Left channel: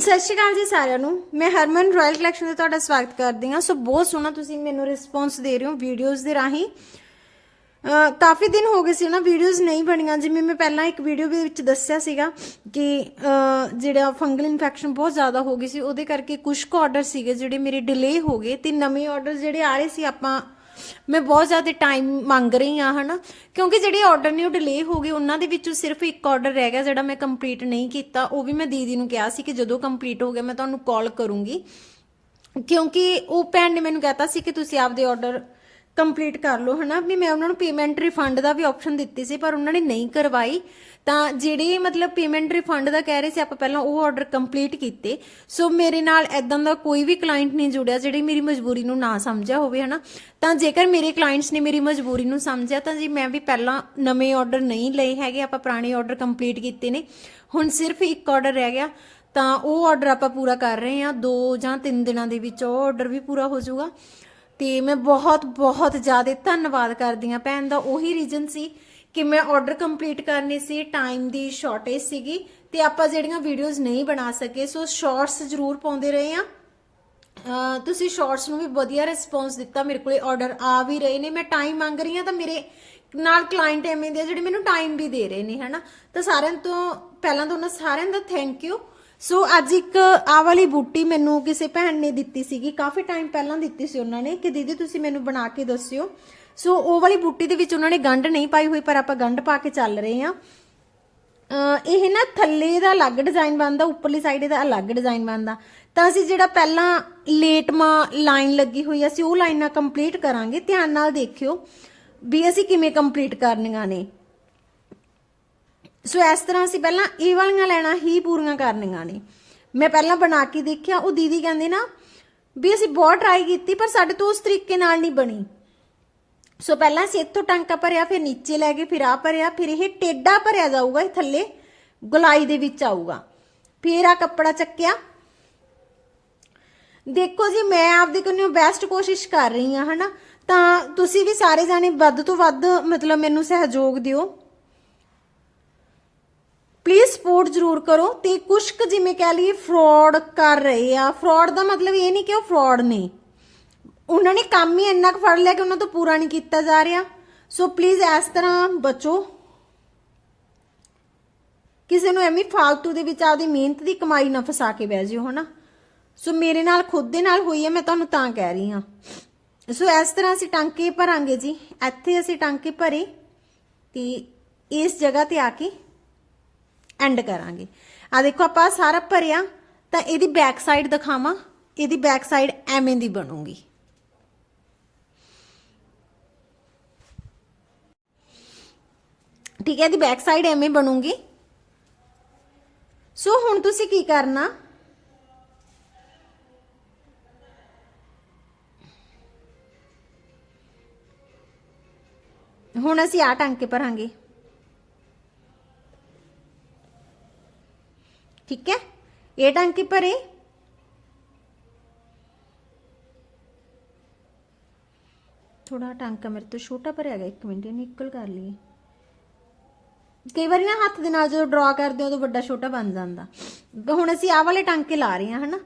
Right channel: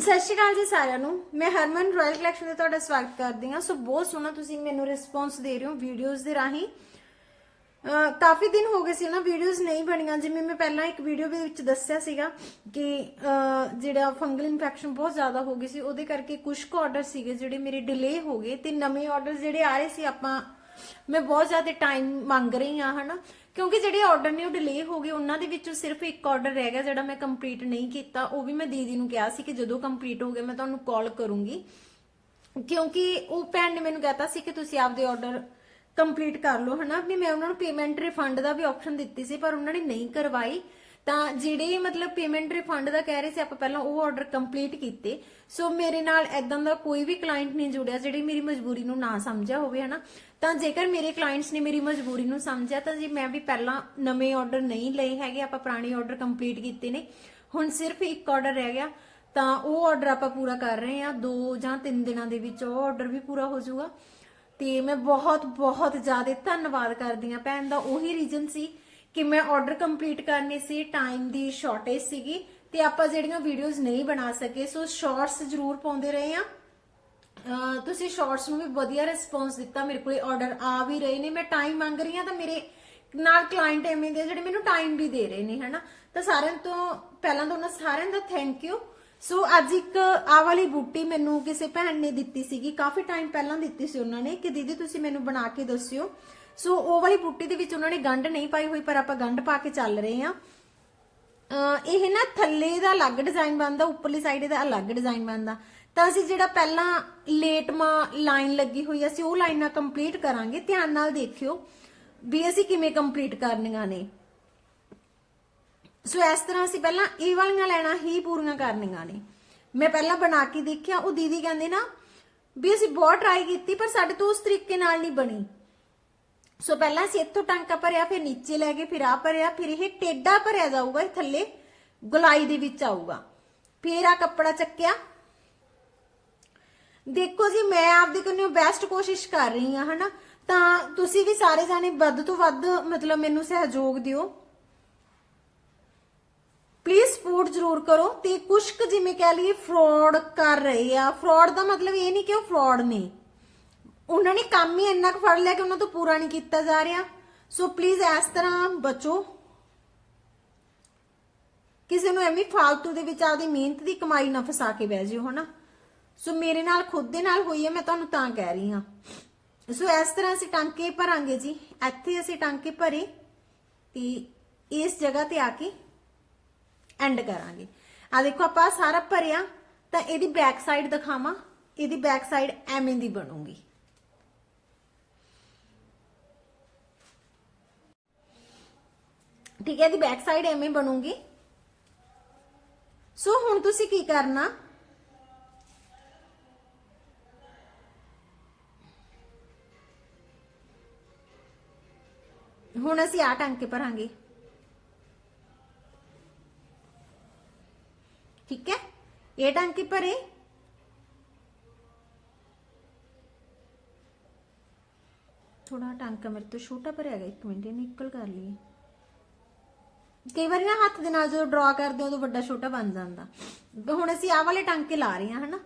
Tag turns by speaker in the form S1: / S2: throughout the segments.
S1: ਸਤਿ ਸ਼੍ਰੀ ਅਕਾਲ ਜੀ ਸਾਰਿਆਂ ਨੂੰ। ਮੈਂ ਹਰਮਨ ਰਾਇਲ ਕਲੈਕਸ਼ਨ ਤੇ ਤੁਹਾਡਾ ਸਵਾਗਤ ਕਰਦੀ ਹਾਂ। ਸੋ ਬਹੁਤ ਸੋਹਣਾ ਤੁਸੀਂ ਮੈਨੂੰ ਰਿਸਪੌਂਸ ਦੇ ਰਹੇ ਹੋ ਵੀਡੀਓਜ਼ ਦੇ ਰਾਹੀਂ। ਕਾਫੀ ਦਿਨ ਹੋ ਗਏ ਸੀ ਨਾ ਵੀਡੀਓਜ਼ ਨਹੀਂ ਬਣੀਆਂ। ਜਿਵੇਂ ਮੈਂ ਪਹਿਲਾਂ ਇੱਕ ਵੀਡੀਓ ਦੇ ਵਿੱਚ ਦੱਸਿਆ ਸੀਗਾ ਕਿ ਜਿਹੜਾ ਫੰਗਲ ਇਨਫੈਕਸ਼ਨ ਬਹੁਤ ਜ਼ਿਆਦਾ ਹੋ ਗਈ ਸੀ, ਉਹਦੇ ਕਰਕੇ ਕੁਝ ਕੁ ਆਰਡਰ ਸੀਗੇ ਜਿਹੜੇ ਮੇਰੇ ਡਿਲੇ ਹੋ ਗਏ ਤੇ ਨਵੇਂ ਆਰਡਰ ਜਿਹੜੇ ਆ ਰਹੇ ਸੀ ਆਪਾਂ ਮੈਂ ਬਹੁਤ ਜ਼ਿਆਦਾ ਟਾਈਮ ਮੰਗ ਰਹੀ ਹਾਂ, ਹਨਾ। ਕਿਉਂਕਿ ਜਿਹੜੇ ਆਰਡਰ ਨੇ ਉਹ ਡਿਲੇ ਹੋ ਗਏ ਉਹਨਾਂ ਦੇ ਵਿੱਚੋਂ ਸਿਰਫ ਇੱਕ ਆਰਡਰ ਰਹਿ ਗਿਆ ਜਿਹੜਾ ਮੈਂ ਕੰਪਲੀਟ ਨਹੀਂ ਕੀਤਾ। ਉਹ ਵੀ ਮੈਂ ਦੀਦੀ ਨੂੰ ਕਿਹਾ ਸੀ ਕਿ ਜਦੋਂ ਕੰਪਲੀਟ ਹੋ ਗਿਆ, ਮੈਂ ਤੁਹਾਨੂੰ ਕਾਲ ਕਰੂੰਗੀ। ਕਿਉਂਕਿ ਉਹ ਭੈਣ ਨੇ ਮੈਨੂੰ ਕਹਿਤਾ ਸੀ ਕਿ ਤੁਸੀਂ ਆਪਦੇ ਆਰਡਰ ਕੰਪਲੀਟ ਕਰ ਲਓ, ਹਨਾ। ਵੀ ਮੈਂ ਉਹਨਾਂ ਨੂੰ ਪੇਮੈਂਟ ਰਿਫੰਡ ਦਾ ਵੀ ਆਪਸ਼ਨ ਦਿੱਤੀ ਸੀ, ਪਰ ਉਹਨਾਂ ਨੇ ਨਹੀਂ ਕਰਵਾਈ। ਤਾਂ ਜਿਹੜੇ ਮਤਲਬ ਪੇਮੈਂਟ ਰਿਫੰਡ ਦਾ ਕਹਿ ਰਹੇ ਸੀ ਆਪਾਂ ਪਹਿਲਾਂ, ਉਹ ਆਰਡਰ ਕੰਪਲੀਟ ਕੀਤੇ। ਸੋ ਮੇਰੇ ਨਾਲ ਐਦਾਂ ਦਾ ਕੋਈ ਵੀ ਕਲਾਇੰਟ ਨਹੀਂ ਜੁੜਿਆ, ਜਿਹੜੇ ਮੇਰੀ ਮਜਬੂਰੀ ਨੂੰ ਨਾ ਸਮਝਿਆ ਹੋਵੇ, ਹਨਾ। ਤਾਂ ਜੇਕਰ ਮੇਰੇ ਕਲਾਇੰਟਸ ਨੇ ਮੇਰੀ ਮਜਬੂਰੀ ਨੂੰ ਸਮਝਿਆ, ਤਾਂ ਜੀ ਮੈਂ ਵੀ ਪਹਿਲਾਂ ਨਵੇਂ ਆਰਡਰ ਨਹੀਂ ਲਏ ਹੈਗੇ, ਆਪਾਂ ਪੁਰਾਣੇ ਆਰਡਰ ਕੰਪਲੀਟ ਕੀਤੇ ਨੇ। ਹੁਣ ਸਿਰਫ ਇੱਕ ਆਰਡਰ ਰਹਿ ਗਿਆ, ਤਾਂ ਉਹ ਆਰਡਰ ਆਪਾਂ ਪੂਰਾ ਕਰ ਰਹੇ ਹਾਂ। 2 ਜਾਂ 3 ਦਿਨਾਂ ਦੇ ਵਿੱਚ ਉਹ ਆਰਡਰ ਵੀ ਪੂਰਾ ਹੋ ਜਾਊਗਾ। ਤੇ ਮੈਂ ਬਹੁਤ ਬਹੁਤ ਜ਼ਿਆਦਾ ਧੰਨਵਾਦ ਕਰਦੀ ਹਾਂ ਭੈਣ ਦਾ। ਉਹੀ ਰੀਜ਼ਨ ਸੀ ਕਿ ਮੈਂ ਆਰਡਰ ਕੰਪਲੀਟ ਕਰਨੇ ਸੀ ਟਾਈਮ ਦੀ ਸ਼ਾਰਟੇਜ ਸੀਗੀ ਤੇ ਆਪਾਂ ਜਿਹੜੀਆਂ ਵੀਡੀਓਜ਼ ਨਹੀਂ ਬਣਾ ਸਕੇ ਸੋ ਸ਼ਾਰਟਸ ਜ਼ਰੂਰ ਪਾਉਂਦੇ ਰਹੇ ਆ ਤੁਸੀਂ ਸ਼ਾਰਟਸ ਨੂੰ ਵੀ ਵਧੀਆ ਰਿਸਪੌਂਸ ਦਿੱਤਾ, ਮੇਰੇ ਕੋਲੇ ਆਰਡਰ ਆ ਵੀ ਰਹੇ ਨੇ। ਮੈਂ ਟਾਈਮ ਮੰਗ ਰਹੀ ਹਾਂ ਤਾਂ ਮੇਰੇ ਨਾਲ ਕਲਾਇੰਟ ਐਵੇਂ ਦੇ ਆ ਜਿਹੜੇ ਮੈਨੂੰ ਟਾਈਮ ਵੀ ਦੇ ਰਹੇ ਨੇ, ਹਨਾ? ਤਾਂ ਸਾਰਿਆਂ ਤੋਂ ਪਹਿਲਾਂ ਤਾਂ ਉਹਨਾਂ ਸਾਰਿਆਂ ਦਾ ਥੈਂਕ ਯੂ ਸੋ ਅੱਜ ਇੱਕ ਆ ਵਾਲੀ ਬੂਟੀ ਮੈਨੂੰ ਕਿਸੇ ਭੈਣ ਨੇ ਦਿੱਤੀ ਸੀਗੀ, ਕਾਫੀ ਟਾਈਮ ਪਹਿਲਾਂ ਦਿੱਤੀ ਸੀ ਉਹਨਾਂ ਨੇ, ਕਿ ਦੀਦੀ ਤੁਸੀਂ ਮੈਨੂੰ ਬਣਾ ਕੇ ਦੱਸਿਓ। ਸੋ ਉਹ ਵਾਲੀ ਬੂਟੀ ਦੇ ਵਿੱਚ ਉਹਨਾਂ ਨੇ ਗੰਢ ਨਹੀਂ ਪਾਈ ਹੋਈ, ਪਰ ਆਪਾਂ ਗੰਢ ਪਾ ਕੇ ਚੱਲ ਰਹੇ ਹਾਂ। ਇਹ ਨਾ ਥੱਲੇ ਦਾ ਅਲੱਗ ਡਿਜ਼ਾਈਨ ਬਣਦਾ, ਉੱਪਰਲੀ ਸਾਈਡ ਦਾ ਅਲੱਗ ਡਿਜ਼ਾਈਨ ਬਣਦਾ। ਤਾਂ ਅਸੀਂ ਜਿਹੜਾ ਪਹਿਲਾਂ ਲੇਟਮਾ ਲਾਈਨ ਲੱਗੀ ਹੋਈ ਅਸੀਂ ਉਹ ਲਾਈਨਾਂ ਕੰਪਲੀਟ ਕਰਾਂਗੇ। ਧਿਆਨ ਨਾਲ ਦੇਖਿਓ ਵੀ ਅਸੀਂ ਕਿਵੇਂ ਕੰਪਲੀਟ ਕਰਨੀਆਂ ਨੇ। ਸੋ ਇਸ ਤਰ੍ਹਾਂ ਅਸੀਂ ਪਹਿਲਾਂ ਇਹ ਵਾਲੀਆਂ ਲੈਣਾ ਹੀ ਪੂਰੀਆਂ ਕਰਨੀਆਂ ਨੇ। ਮੈਂ ਪਹਿਲਾਂ ਬਣਾ ਕੇ ਦੇਖਿਆ, ਉਹ ਦੀਦੀ ਕਹਿੰਦੇ ਨਾ ਵੀ ਅਸੀਂ ਬਹੁਤ ਟਰਾਈ ਕੀਤੀ, ਪਰ ਸਾਡੇ ਤੋਂ ਉਸ ਤਰੀਕੇ ਨਾਲ ਨਹੀਂ ਬਣੀ। ਸੋ ਪਹਿਲਾਂ ਅਸੀਂ ਇੱਥੋਂ ਟਾਂਕਾ ਭਰਿਆ, ਫਿਰ ਨੀਚੇ ਲੈ ਕੇ ਫਿਰ ਆ ਭਰਿਆ, ਫਿਰ ਇਹ ਟੇਡਾ ਭਰਿਆ ਜਾਊਗਾ, ਇਹ ਥੱਲੇ ਗੁਲਾਈ ਦੇ ਵਿੱਚ ਆਊਗਾ। ਫਿਰ ਆ ਕੱਪੜਾ ਚੱਕਿਆ। ਦੇਖੋ ਜੀ, ਮੈਂ ਆਪਦੇ ਕੋਲੋਂ ਬੈਸਟ ਕੋਸ਼ਿਸ਼ ਕਰ ਰਹੀ ਹਾਂ, ਹਨਾ? ਤਾਂ ਤੁਸੀਂ ਵੀ ਸਾਰੇ ਜਾਣੇ ਵੱਧ ਤੋਂ ਵੱਧ, ਮਤਲਬ ਮੈਨੂੰ ਸਹਿਯੋਗ ਦਿਓ। ਪਲੀਜ਼ ਸਪੋਰਟ ਜ਼ਰੂਰ ਕਰੋ ਤੇ ਕੁਸ਼ਕ ਜਿਵੇਂ ਕਹਿ ਲਈਏ ਫਰਾਡ ਕਰ ਰਹੇ ਆ। ਫਰਾਡ ਦਾ ਮਤਲਬ ਇਹ ਨਹੀਂ ਕਿ ਉਹ ਫਰਾਡ ਨੇ। ਉਹਨਾਂ ਨੇ ਕੰਮ ਹੀ ਇੰਨਾ ਕੁ ਫੜ ਲਿਆ ਕਿ ਉਹਨਾਂ ਤੋਂ ਪੂਰਾ ਨਹੀਂ ਕੀਤਾ ਜਾ ਰਿਹਾ। ਸੋ ਪਲੀਜ਼ ਇਸ ਤਰ੍ਹਾਂ ਬਚੋ। ਕਿਸੇ ਨੂੰ ਐਵੇਂ ਫਾਲਤੂ ਦੇ ਵਿੱਚ ਆਪਦੀ ਮਿਹਨਤ ਦੀ ਕਮਾਈ ਨਾ ਫਸਾ ਕੇ ਬਹਿ ਜਿਓ, ਹਨਾ? ਸੋ ਮੇਰੇ ਨਾਲ, ਖੁਦ ਦੇ ਨਾਲ ਹੋਈ ਹੈ, ਮੈਂ ਤੁਹਾਨੂੰ ਤਾਂ ਕਹਿ ਰਹੀ ਹਾਂ। ਸੋ ਇਸ ਤਰ੍ਹਾਂ ਅਸੀਂ ਟਾਂਕੇ ਭਰਾਂਗੇ ਜੀ। ਇੱਥੇ ਅਸੀਂ ਟਾਂਕੇ ਭਰੇ ਤੇ ਇਸ ਜਗ੍ਹਾ ਤੇ ਆ ਕੇ ਐਂਡ ਕਰਾਂਗੇ। ਆ ਦੇਖੋ, ਆਪਾਂ ਸਾਰਾ ਭਰਿਆ ਤਾਂ ਇਹਦੀ ਬੈਕ ਸਾਈਡ ਦਿਖਾਵਾਂ। ਇਹਦੀ ਬੈਕ ਸਾਈਡ ਐਵੇਂ ਦੀ ਬਣੂਗੀ। ਠੀਕ ਹੈ ਇਹਦੀ ਬੈਕ ਸਾਈਡ ਐਵੇਂ ਬਣੂਗੀ ਸੋ ਹੁਣ ਤੁਸੀਂ ਕੀ ਕਰਨਾ ਹੁਣ ਅਸੀਂ ਆ ਟਾਂਕੇ ਭਰਾਂਗੇ ਠੀਕ ਹੈ ਇਹ ਟਾਂਕੇ ਭਰੇ ਥੋੜਾ ਟਾਂਕਾ ਮੇਰੇ ਤੋਂ ਛੋਟਾ ਭਰਿਆ ਗਿਆ ਇੱਕ ਮਿੰਟ ਇਹਨੂੰ ਇਕੁਅਲ ਕਰ ਲਈਏ ਕਈ ਵਾਰੀ ਨਾ ਹੱਥ ਦੇ ਨਾਲ ਜਦੋਂ ਡਰਾ ਕਰਦੇ ਹੋ, ਉਦੋਂ ਵੱਡਾ ਛੋਟਾ ਬਣ ਜਾਂਦਾ। ਹੁਣ ਅਸੀਂ ਆਹ ਵਾਲੇ ਟਾਂਕੇ ਲਾ ਰਹੇ ਹਾਂ, ਹਨਾ?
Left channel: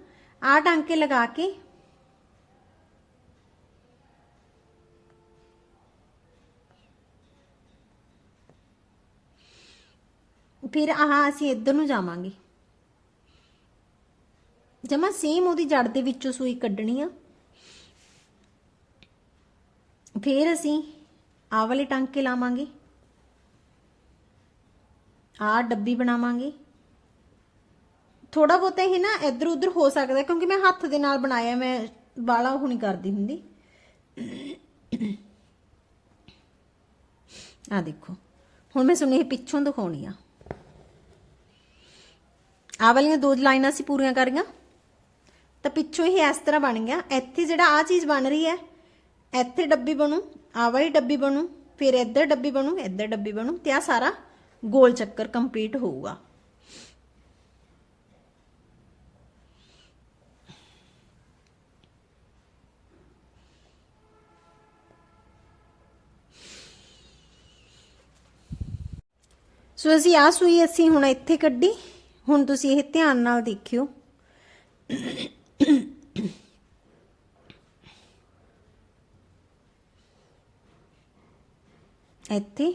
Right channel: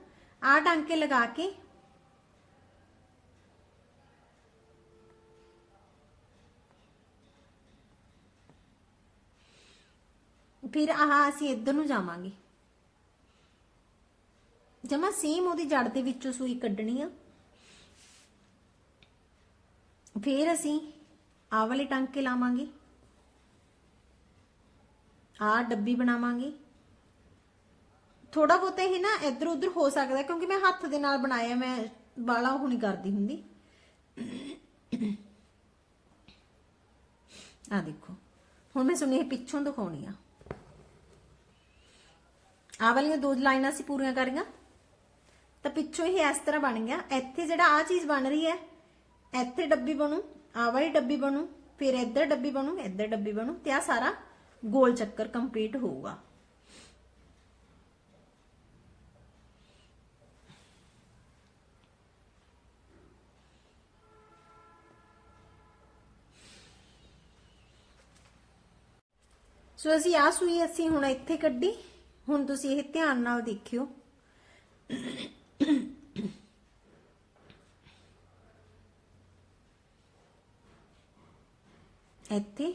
S1: ਆਹ ਟਾਂਕੇ ਲਗਾ ਕੇ ਫਿਰ ਆਹ ਅਸੀਂ ਇੱਧਰ ਨੂੰ ਜਾਵਾਂਗੇ। ਜਮਾ ਸੇਮ ਉਹਦੀ ਜੜ ਦੇ ਵਿੱਚੋਂ ਸੂਈ ਕੱਢਣੀ ਆ। ਫਿਰ ਅਸੀਂ ਆਹ ਵਾਲੇ ਟਾਂਕੇ ਲਾਵਾਂਗੇ। ਆਹ ਡੱਬੀ ਬਣਾਵਾਂਗੇ। ਥੋੜਾ ਬਹੁਤਾ ਹੀ ਨਾ ਇੱਧਰ ਉੱਧਰ ਹੋ ਸਕਦਾ ਕਿਉਂਕਿ ਮੈਂ ਹੱਥ ਦੇ ਨਾਲ ਬਣਾਇਆ, ਮੈਂ ਬਾਲਾ ਉਹ ਨਹੀਂ ਕਰਦੀ ਹੁੰਦੀ। ਆ ਦੇਖੋ, ਹੁਣ ਮੈਂ ਸੁਣੀ ਪਿੱਛੋਂ ਦਿਖਾਉਣੀ ਆ। ਆ ਵਾਲੀਆਂ ਦੋ ਲਾਈਨਾਂ ਅਸੀਂ ਪੂਰੀਆਂ ਕਰੀਆਂ ਤਾਂ ਪਿੱਛੋਂ ਹੀ ਇਸ ਤਰ੍ਹਾਂ ਬਣ ਗਿਆ। ਇੱਥੇ ਜਿਹੜਾ ਆ ਚੀਜ਼ ਬਣ ਰਹੀ ਹੈ, ਇੱਥੇ ਡੱਬੀ ਬਣੂ ਆ ਵਾਲੀ ਡੱਬੀ ਬਣੂ, ਫਿਰ ਇੱਧਰ ਡੱਬੀ ਬਣੂ, ਇੱਧਰ ਡੱਬੀ ਬਣੂ ਤੇ ਆ ਸਾਰਾ ਗੋਲ ਚੱਕਰ ਕੰਪਲੀਟ ਹੋਊਗਾ। ਸੋ ਅਸੀਂ ਆ ਸੂਈ ਅਸੀਂ ਹੁਣ ਇੱਥੇ ਕੱਢੀ। ਹੁਣ ਤੁਸੀਂ ਇਹ ਧਿਆਨ ਨਾਲ ਦੇਖਿਓ। ਇੱਥੇ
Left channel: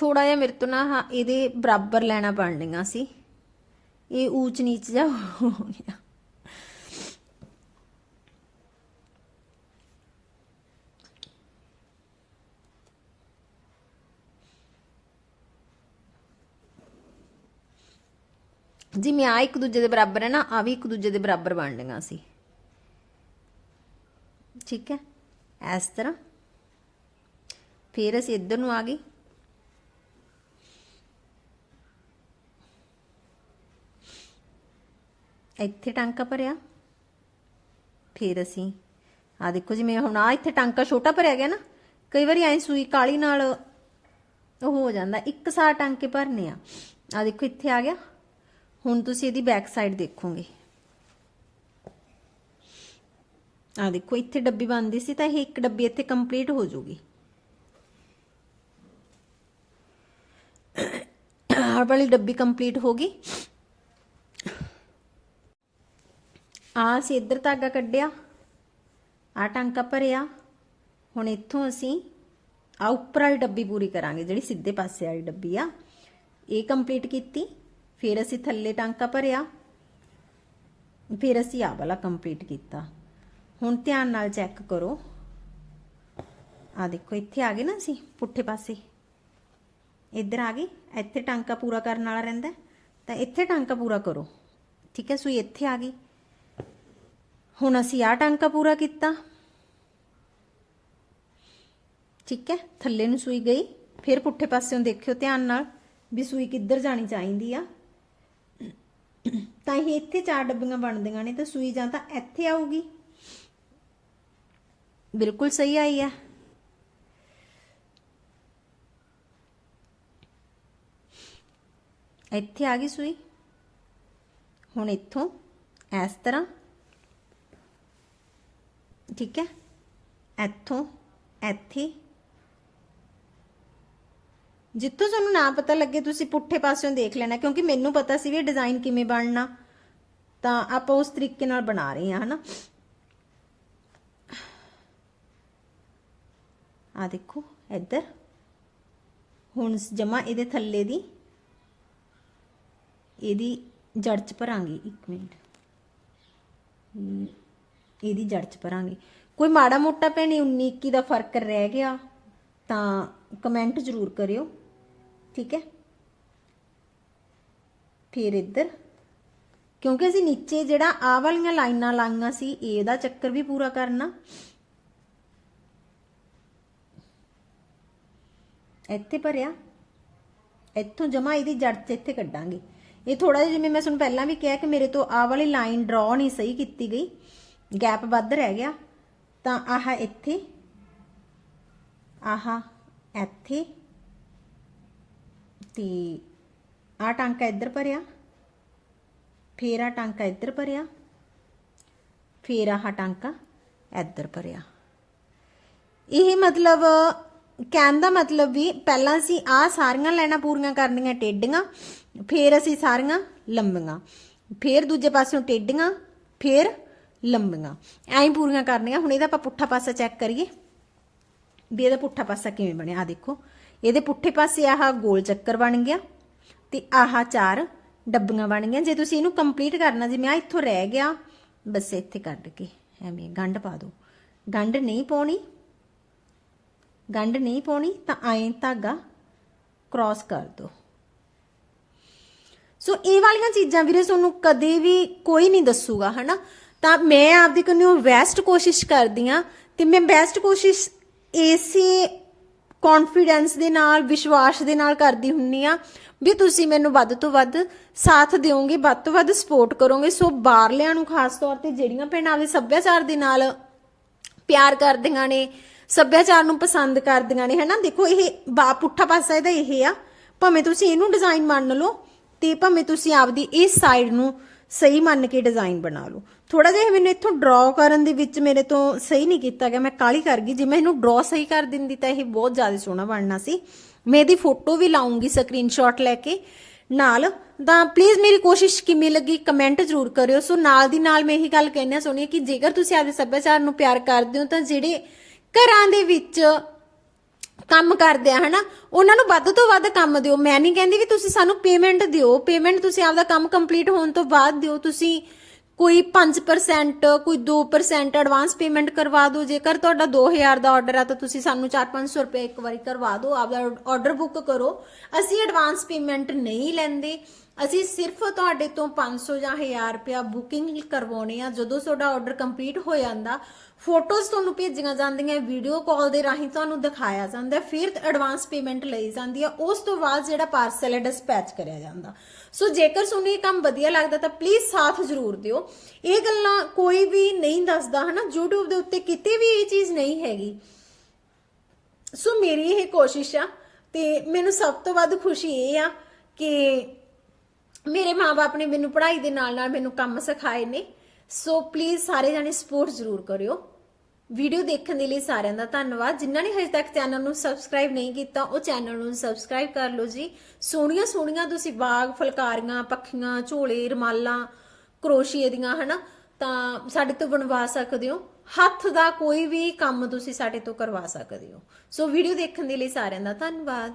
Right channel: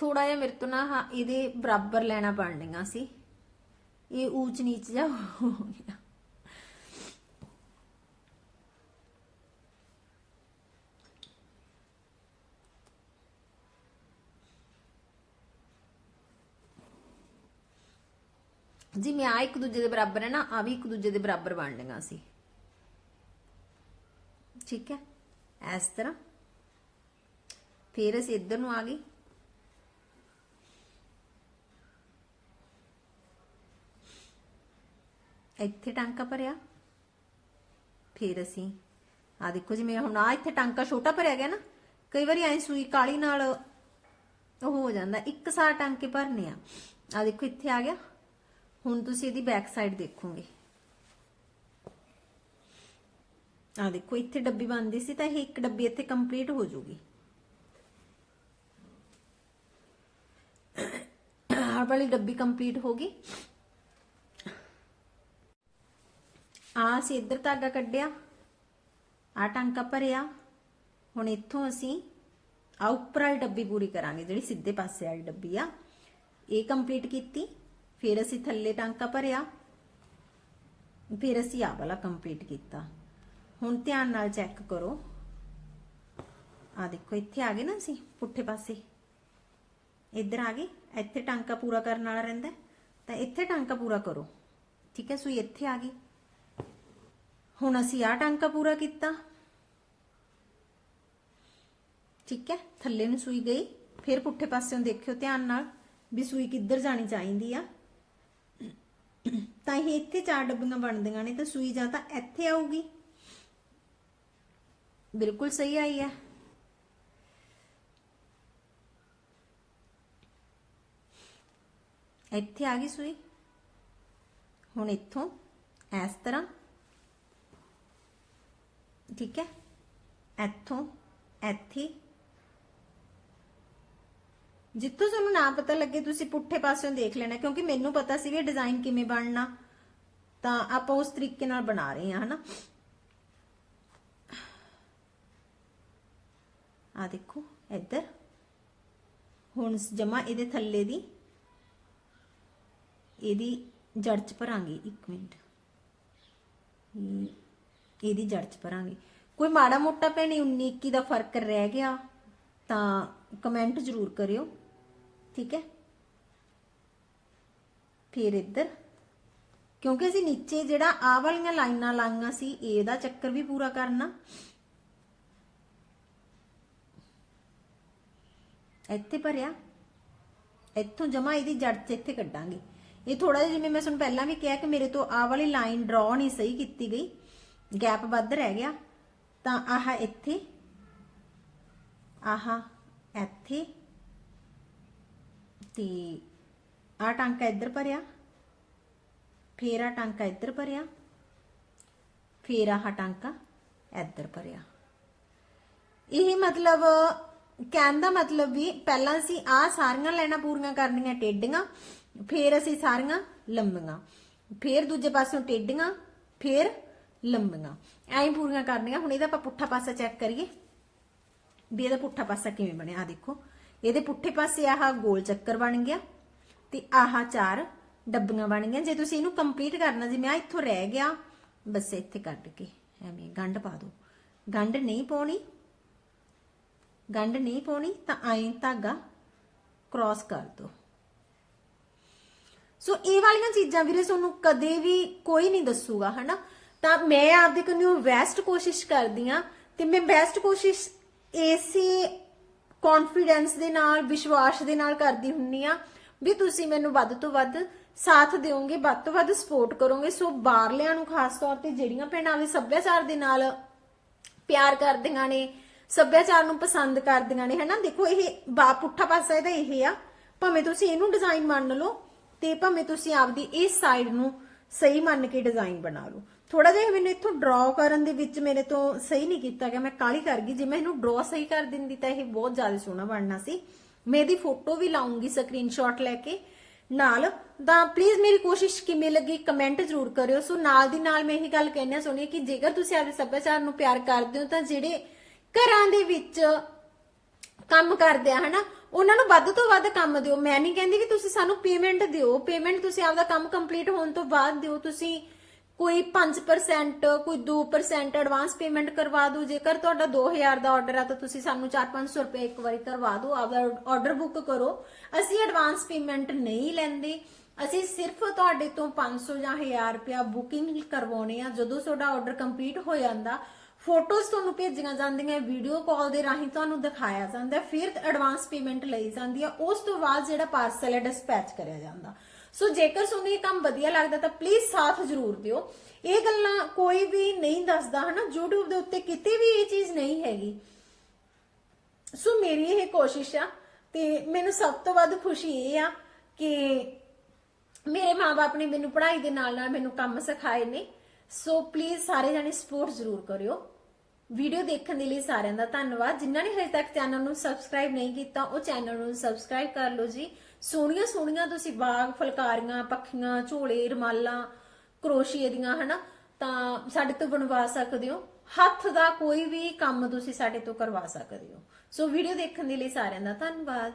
S1: ਥੋੜਾ ਜਿਹਾ ਮੇਰੇ ਤੋਂ ਨਾ ਹਾਂ, ਇਹਦੇ ਬਰਾਬਰ ਲੈਣਾ ਬਣਨੀਆਂ ਸੀ। ਇਹ ਊਚ ਨੀਚ ਜਾ ਹੋ ਗਿਆ। ਜਿਵੇਂ ਆ ਇੱਕ ਦੂਜੇ ਦੇ ਬਰਾਬਰ ਹੈ ਨਾ ਆ ਵੀ ਇੱਕ ਦੂਜੇ ਦੇ ਬਰਾਬਰ ਬਣ ਬਣਨੀਆਂ ਸੀ। ਠੀਕ ਹੈ? ਇਸ ਤਰ੍ਹਾਂ। ਫਿਰ ਅਸੀਂ ਇੱਧਰ ਨੂੰ ਆ ਗਏ। ਇੱਥੇ ਟਾਂਕਾ ਭਰਿਆ। ਫਿਰ ਅਸੀਂ ਆ ਦੇਖੋ ਜਿਵੇਂ ਹੁਣ ਆ ਇੱਥੇ ਟਾਂਕਾ ਛੋਟਾ ਭਰਿਆ ਗਿਆ ਨਾ, ਕਈ ਵਾਰੀ ਐ ਸੂਈ ਕਾਲੀ ਨਾਲ ਉਹ ਹੋ ਜਾਂਦਾ, ਇੱਕ ਸਾਰ ਟਾਂਕੇ ਭਰਨੇ ਆ। ਆ ਦੇਖੋ, ਇੱਥੇ ਆ ਗਿਆ। ਹੁਣ ਤੁਸੀਂ ਇਹਦੀ ਬੈਕ ਸਾਈਡ ਦੇਖੋਗੇ। ਆ ਦੇਖੋ, ਇੱਥੇ ਡੱਬੀ ਬੰਦੀ ਸੀ ਤਾਂ ਇਹ ਇੱਕ ਡੱਬੀ ਇੱਥੇ ਕੰਪਲੀਟ ਹੋ ਜਾਊਗੀ ਆਹ ਵਾਲੀ ਡੱਬੀ ਕੰਪਲੀਟ ਹੋ ਗਈ। ਹਾਂ, ਅਸੀਂ ਇੱਧਰ ਧਾਗਾ ਕੱਢਿਆ। ਆ ਟਾਂਕਾ ਭਰਿਆ। ਹੁਣ ਇੱਥੋਂ ਅਸੀਂ ਆ ਉੱਪਰ ਵਾਲੀ ਡੱਬੀ ਪੂਰੀ ਕਰਾਂਗੇ, ਜਿਹੜੀ ਸਿੱਧੇ ਪਾਸੇ ਵਾਲੀ ਡੱਬੀ ਆ। ਇਹ ਕੰਪਲੀਟ ਕੀਤੀ। ਫਿਰ ਅਸੀਂ ਥੱਲੇ ਟਾਂਕਾ ਭਰਿਆ। ਫਿਰ ਅਸੀਂ ਆ ਵਾਲਾ ਕੰਪਲੀਟ ਕੀਤਾ। ਹੁਣ ਧਿਆਨ ਨਾਲ ਚੈੱਕ ਕਰੋ। ਆ ਦੇਖੋ, ਇੱਥੇ ਆ ਗਏ ਨਾ ਅਸੀਂ, ਪੁੱਠੇ ਪਾਸੇ। ਇੱਧਰ ਆ ਗਏ। ਇੱਥੇ ਟਾਂਕਾ ਪੂਰਾ ਕਰਨ ਵਾਲਾ ਰਹਿੰਦਾ। ਤਾਂ ਇੱਥੇ ਟਾਂਕਾ ਪੂਰਾ ਕਰੋ। ਠੀਕ ਹੈ, ਸੂਈ ਇੱਥੇ ਆ ਗਈ। ਹੁਣ ਅਸੀਂ ਆਹ ਟਾਂਕਾ ਪੂਰਾ ਕੀਤਾ। ਠੀਕ ਹੈ, ਥੱਲੇ ਨੂੰ ਸੂਈ ਗਈ। ਫਿਰ ਪੁੱਠੇ ਪਾਸਿਓਂ ਦੇਖਿਓ ਧਿਆਨ ਨਾਲ ਵੀ ਸੂਈ ਕਿੱਧਰ ਜਾਣੀ ਚਾਹੀਦੀ ਆ। ਤਾਂ ਇਹ ਇੱਥੇ ਚਾਰ ਡੱਬੀਆਂ ਬਣਦੀਆਂ ਨੇ, ਤਾਂ ਸੂਈ ਜਾਂ ਤਾਂ ਇੱਥੇ ਆਊਗੀ। ਬਿਲਕੁਲ ਸਹੀ ਆਈ ਹੈ ਇੱਥੇ ਆ ਗਈ ਸੂਈ। ਹੁਣ ਇੱਥੋਂ ਇਸ ਤਰ੍ਹਾਂ ਠੀਕ ਹੈ? ਇੱਥੋਂ, ਇੱਥੇ। ਜਿੱਥੋਂ ਤੁਹਾਨੂੰ ਨਾ ਪਤਾ ਲੱਗੇ, ਤੁਸੀਂ ਪੁੱਠੇ ਪਾਸਿਓਂ ਦੇਖ ਲੈਣਾ, ਕਿਉਂਕਿ ਮੈਨੂੰ ਪਤਾ ਸੀ ਵੀ ਡਿਜ਼ਾਈਨ ਕਿਵੇਂ ਬਣਨਾ। ਤਾਂ ਆਪਾਂ ਉਸ ਤਰੀਕੇ ਨਾਲ ਬਣਾ ਰਹੇ ਹਾਂ, ਹਨਾ? ਆ ਦੇਖੋ, ਇੱਧਰ। ਹੁਣ ਜਮਾ ਇਹਦੇ ਥੱਲੇ ਦੀ, ਇਹਦੀ ਜੜ ਚ ਭਰਾਂਗੀ 1 ਮਿੰਟ। ਇਹਦੀ ਜੜ ਚ ਭਰਾਂਗੇ। ਕੋਈ ਮਾੜਾ ਮੋਟਾ ਭੈਣੇ 19 21 ਦਾ ਫ਼ਰਕ ਰਹਿ ਗਿਆ, ਤਾਂ ਕਮੈਂਟ ਜ਼ਰੂਰ ਕਰਿਓ, ਠੀਕ ਹੈ? ਫਿਰ ਇੱਧਰ, ਕਿਉਂਕਿ ਅਸੀਂ ਨੀਚੇ ਜਿਹੜਾ ਆ ਵਾਲੀਆਂ ਲਾਈਨਾਂ ਲਾਈਆਂ ਸੀ, ਇਹਦਾ ਚੱਕਰ ਵੀ ਪੂਰਾ ਕਰਨਾ। ਇੱਥੇ ਭਰਿਆ, ਇੱਥੋਂ ਜਮਾ ਇਹਦੀ ਜੜ ਤੇ ਇੱਥੇ ਕੱਢਾਂਗੇ। ਇਹ ਥੋੜਾ ਜਿਹਾ ਜਿਵੇਂ ਮੈਂ ਤੁਹਾਨੂੰ ਪਹਿਲਾਂ ਵੀ ਕਿਹਾ ਕਿ ਮੇਰੇ ਤੋਂ ਆਹ ਵਾਲੀ ਲਾਈਨ ਡਰਾ ਨਹੀਂ ਸਹੀ ਕੀਤੀ ਗਈ। ਗੈਪ ਵੱਧ ਰਹਿ ਗਿਆ, ਤਾਂ ਆਹ ਇੱਥੇ ਆਹ ਇੱਥੇ, ਤੇ ਆਹ ਟਾਂਕਾ ਇੱਧਰ ਭਰਿਆ, ਫੇਰ ਆਹ ਟਾਂਕਾ ਇੱਧਰ ਭਰਿਆ, ਫੇਰ ਆਹ ਟਾਂਕਾ ਇੱਧਰ ਭਰਿਆ। ਇਹ ਮਤਲਬ, ਕਹਿਣ ਦਾ ਮਤਲਬ ਵੀ ਪਹਿਲਾਂ ਅਸੀਂ ਆ ਸਾਰੀਆਂ ਲਾਈਨਾਂ ਪੂਰੀਆਂ ਕਰਨੀਆਂ ਟੇਡੀਆਂ, ਫਿਰ ਅਸੀਂ ਸਾਰੀਆਂ ਲੰਬੀਆਂ, ਫਿਰ ਦੂਜੇ ਪਾਸਿਓਂ ਟੇਡੀਆਂ, ਫਿਰ ਲੰਬੀਆਂ। ਐਂ ਹੀ ਪੂਰੀਆਂ ਕਰਨੀਆਂ। ਹੁਣ ਇਹਦਾ ਆਪਾਂ ਪੁੱਠਾ ਪਾਸਾ ਚੈੱਕ ਕਰੀਏ। ਵੀ ਇਹਦਾ ਪੁੱਠਾ ਪਾਸਾ ਕਿਵੇਂ ਬਣਿਆ? ਆ ਦੇਖੋ। ਇਹਦੇ ਪੁੱਠੇ ਪਾਸੇ ਆਹ ਗੋਲ ਚੱਕਰ ਬਣ ਗਿਆ ਤੇ ਆਹ ਚਾਰ ਡੱਬੀਆਂ ਬਣ ਗਈਆਂ। ਜੇ ਤੁਸੀਂ ਇਹਨੂੰ ਕੰਪਲੀਟ ਕਰਨਾ, ਜਿਵੇਂ ਆ ਇੱਥੋਂ ਰਹਿ ਗਿਆ, ਬਸ ਇੱਥੇ ਕੱਢ ਕੇ ਐਵੇਂ ਗੰਢ ਪਾ ਦਿਓ। ਗੰਢ ਨਹੀਂ ਪਾਉਣੀ। ਗੰਢ ਨਹੀਂ ਪਾਉਣੀ, ਤਾਂ ਐਂ ਧਾਗਾ ਕ੍ਰਾਸ ਕਰ ਦਿਓ। ਸੋ ਇਹ ਵਾਲੀਆਂ ਚੀਜ਼ਾਂ ਵੀਰੇ ਤੁਹਾਨੂੰ ਕਦੇ ਵੀ ਕੋਈ ਨਹੀਂ ਦੱਸੂਗਾ, ਹਨਾ? ਤਾਂ ਮੈਂ ਆਪਦੀ ਕੰਨਿਓ ਬੈਸਟ ਕੋਸ਼ਿਸ਼ ਕਰਦੀ ਆ ਤੇ ਮੈਂ ਬੈਸਟ ਕੋਸ਼ਿਸ਼ ਇਸੇ ਕੌਨਫੀਡੈਂਸ ਦੇ ਨਾਲ, ਵਿਸ਼ਵਾਸ ਦੇ ਨਾਲ ਕਰਦੀ ਹੁੰਨੀ ਆ ਵੀ ਤੁਸੀਂ ਮੈਨੂੰ ਵੱਧ ਤੋਂ ਵੱਧ ਸਾਥ ਦਿਓਗੇ, ਵੱਧ ਤੋਂ ਵੱਧ ਸਪੋਰਟ ਕਰੋਗੇ। ਸੋ ਬਾਹਰਲਿਆਂ ਨੂੰ ਖਾਸ ਤੌਰ ਤੇ ਜਿਹੜੀਆਂ ਭੈਣਾਂ ਵੀ ਸੱਭਿਆਚਾਰ ਦੇ ਨਾਲ ਪਿਆਰ ਕਰਦੀਆਂ ਨੇ, ਸੱਭਿਆਚਾਰ ਨੂੰ ਪਸੰਦ ਕਰਦੀਆਂ ਨੇ, ਹਨਾ? ਦੇਖੋ ਇਹ ਬਾ ਪੁੱਠਾ ਪਾਸਾ ਇਹਦਾ ਇਹ ਆ। ਭਾਵੇਂ ਤੁਸੀਂ ਇਹਨੂੰ ਡਿਜ਼ਾਈਨ ਮੰਨ ਲਓ ਤੇ ਭਾਵੇਂ ਤੁਸੀਂ ਆਪਦੀ ਇਸ ਸਾਈਡ ਨੂੰ ਸਹੀ ਮੰਨ ਕੇ ਡਿਜ਼ਾਈਨ ਬਣਾ ਲਓ। ਥੋੜਾ ਜਿਹਾ ਮੈਨੂੰ ਇੱਥੋਂ ਡਰਾ ਕਰਨ ਦੇ ਵਿੱਚ ਮੇਰੇ ਤੋਂ ਸਹੀ ਨਹੀਂ ਕੀਤਾ ਗਿਆ, ਮੈਂ ਕਾਲੀ ਕਰ ਗਈ। ਜੇ ਮੈਂ ਇਹਨੂੰ ਡਰਾ ਸਹੀ ਕਰ ਦਿੰਦੀ ਤਾਂ ਇਹ ਬਹੁਤ ਜ਼ਿਆਦਾ ਸੋਹਣਾ ਬਣਨਾ ਸੀ। ਮੈਂ ਇਹਦੀ ਫੋਟੋ ਵੀ ਲਾਉਂਗੀ ਸਕਰੀਨਸ਼ਾਟ ਲੈ ਕੇ। ਨਾਲ ਤਾਂ ਪਲੀਜ਼ ਮੇਰੀ ਕੋਸ਼ਿਸ਼ ਕਿਵੇਂ ਲੱਗੀ ਕਮੈਂਟ ਜ਼ਰੂਰ ਕਰਿਓ। ਸੋ ਨਾਲ ਦੀ ਨਾਲ ਮੈਂ ਇਹੀ ਗੱਲ ਕਹਿਣਾ ਚਾਹੁੰਦੀ ਕਿ ਜੇਕਰ ਤੁਸੀਂ ਆਪਣੇ ਸੱਭਿਆਚਾਰ ਨੂੰ ਪਿਆਰ ਕਰਦੇ ਹੋ ਤਾਂ ਜਿਹੜੇ ਘਰਾਂ ਦੇ ਵਿੱਚ ਕੰਮ ਕਰਦੇ ਆ, ਹਨਾ? ਉਹਨਾਂ ਨੂੰ ਵੱਧ ਤੋਂ ਵੱਧ ਕੰਮ ਦਿਓ। ਮੈਂ ਨਹੀਂ ਕਹਿੰਦੀ ਵੀ ਤੁਸੀਂ ਸਾਨੂੰ ਪੇਮੈਂਟ ਦਿਓ। ਪੇਮੈਂਟ ਤੁਸੀਂ ਆਪਦਾ ਕੰਮ ਕੰਪਲੀਟ ਹੋਣ ਤੋਂ ਬਾਅਦ ਦਿਓ। ਤੁਸੀਂ ਕੋਈ 5% ਕੋਈ 2% ਐਡਵਾਂਸ ਪੇਮੈਂਟ ਕਰਵਾ ਦਿਓ। ਜੇਕਰ ਤੁਹਾਡਾ 2000 ਦਾ ਆਰਡਰ ਆ ਤਾਂ ਤੁਸੀਂ ਸਾਨੂੰ 4-500 ਰੁਪਏ ਇੱਕ ਵਾਰੀ ਕਰਵਾ ਦਿਓ। ਆਪਦਾ ਆਰਡਰ ਬੁੱਕ ਕਰੋ। ਅਸੀਂ ਐਡਵਾਂਸ ਪੇਮੈਂਟ ਨਹੀਂ ਲੈਂਦੇ। ਅਸੀਂ ਸਿਰਫ ਤੁਹਾਡੇ ਤੋਂ 500 ਜਾਂ 1000 ਰੁਪਇਆ ਬੁਕਿੰਗ ਕਰਵਾਉਣੇ ਆ। ਜਦੋਂ ਤੁਹਾਡਾ ਆਰਡਰ ਕੰਪਲੀਟ ਹੋ ਜਾਂਦਾ ਫੋਟੋਜ਼ ਤੁਹਾਨੂੰ ਭੇਜੀਆਂ ਜਾਂਦੀਆਂ, ਵੀਡੀਓ ਕਾਲ ਦੇ ਰਾਹੀਂ ਤੁਹਾਨੂੰ ਦਿਖਾਇਆ ਜਾਂਦਾ, ਫਿਰ ਐਡਵਾਂਸ ਪੇਮੈਂਟ ਲਈ ਜਾਂਦੀ ਹੈ ਉਸ ਤੋਂ ਬਾਅਦ ਜਿਹੜਾ ਪਾਰਸਲ ਹੈ ਡਿਸਪੈਚ ਕਰਿਆ ਜਾਂਦਾ। ਸੋ ਜੇਕਰ ਤੁਹਾਨੂੰ ਇਹ ਕੰਮ ਵਧੀਆ ਲੱਗਦਾ ਤਾਂ ਪਲੀਜ਼ ਸਾਥ ਜ਼ਰੂਰ ਦਿਓ। ਇਹ ਗੱਲਾਂ ਕੋਈ ਵੀ ਨਹੀਂ ਦੱਸਦਾ, ਹਨਾ? YouTube ਦੇ ਉੱਤੇ ਕਿਤੇ ਵੀ ਇਹ ਚੀਜ਼ ਨਹੀਂ ਹੈਗੀ। ਸੋ ਮੇਰੀ ਇਹ ਕੋਸ਼ਿਸ਼ ਆ ਤੇ ਮੈਨੂੰ ਸਭ ਤੋਂ ਵੱਧ ਖੁਸ਼ੀ ਇਹ ਆ ਕਿ ਮੇਰੇ ਮਾਪੇ ਨੇ ਮੈਨੂੰ ਪੜ੍ਹਾਈ ਦੇ ਨਾਲ ਨਾਲ ਮੈਨੂੰ ਕੰਮ ਸਿਖਾਏ ਨੇ। ਸੋ ਪਲੀਜ਼ ਸਾਰੇ ਜਣੇ ਸਪੋਰਟ ਜ਼ਰੂਰ ਕਰਿਓ। ਵੀਡੀਓ ਦੇਖਣ ਦੇ ਲਈ ਸਾਰਿਆਂ ਦਾ ਧੰਨਵਾਦ। ਜਿਨ੍ਹਾਂ ਨੇ ਹਜੇ ਤੱਕ ਚੈਨਲ ਨੂੰ ਸਬਸਕ੍ਰਾਈਬ ਨਹੀਂ ਕੀਤਾ, ਉਹ ਚੈਨਲ ਨੂੰ ਸਬਸਕ੍ਰਾਈਬ ਕਰ ਲਓ ਜੀ। ਸੋਹਣੀਆਂ ਸੋਹਣੀਆਂ ਤੁਸੀਂ ਬਾਗ, ਫੁਲਕਾਰੀਆਂ, ਪੱਖੀਆਂ, ਝੋਲੇ, ਰਮਾਲਾਂ, ਕਰੋਸ਼ੀਏ ਦੀਆਂ, ਹਨਾ? ਤਾਂ ਸਾਡੇ ਤੋਂ ਬਣਵਾ ਸਕਦੇ ਹੋ। ਹੱਥ ਦਾ ਕੋਈ ਵੀ ਕੰਮ ਤੁਸੀਂ ਸਾਡੇ ਤੋਂ ਕਰਵਾ ਸਕਦੇ ਹੋ। ਸੋ ਵੀਡੀਓ ਦੇਖਣ ਦੇ ਲਈ ਸਾਰਿਆਂ ਦਾ ਧੰਨਵਾਦ।